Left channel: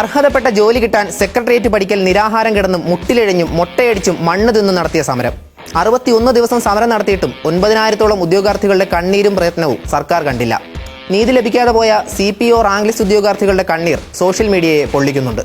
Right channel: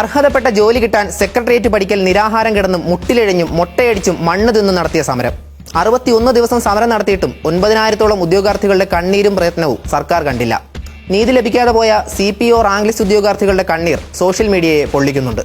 അർഹതപ്പെട്ട ജോലി കിട്ടാൻ സെക്രട്ടേറിയറ്റ് പഠിക്കൽ നിരാഹാരം കിടന്നും മുട്ടിലിഴഞ്ഞും മൊട്ടയടിച്ചും മണ്ണ് തിന്നും നടത്തിയ സമരം. 61 ദിവസം സമരം നടത്തിയിട്ടും 9000-ഓളം ഉദ്യോഗാർത്ഥികളുടെ കണ്ണീരും പ്രയത്നവും സർക്കാർ കണ്ടില്ല. നീതി ലഭിക്കാതെ പോയ CPO റാങ്ക് ലിസ്റ്റ് ഉദ്യോഗാർത്ഥികളുടെ കണ്ണീർ സോഷ്യൽ മീഡിയയെ പൊള്ളിക്കുന്നുണ്ട്.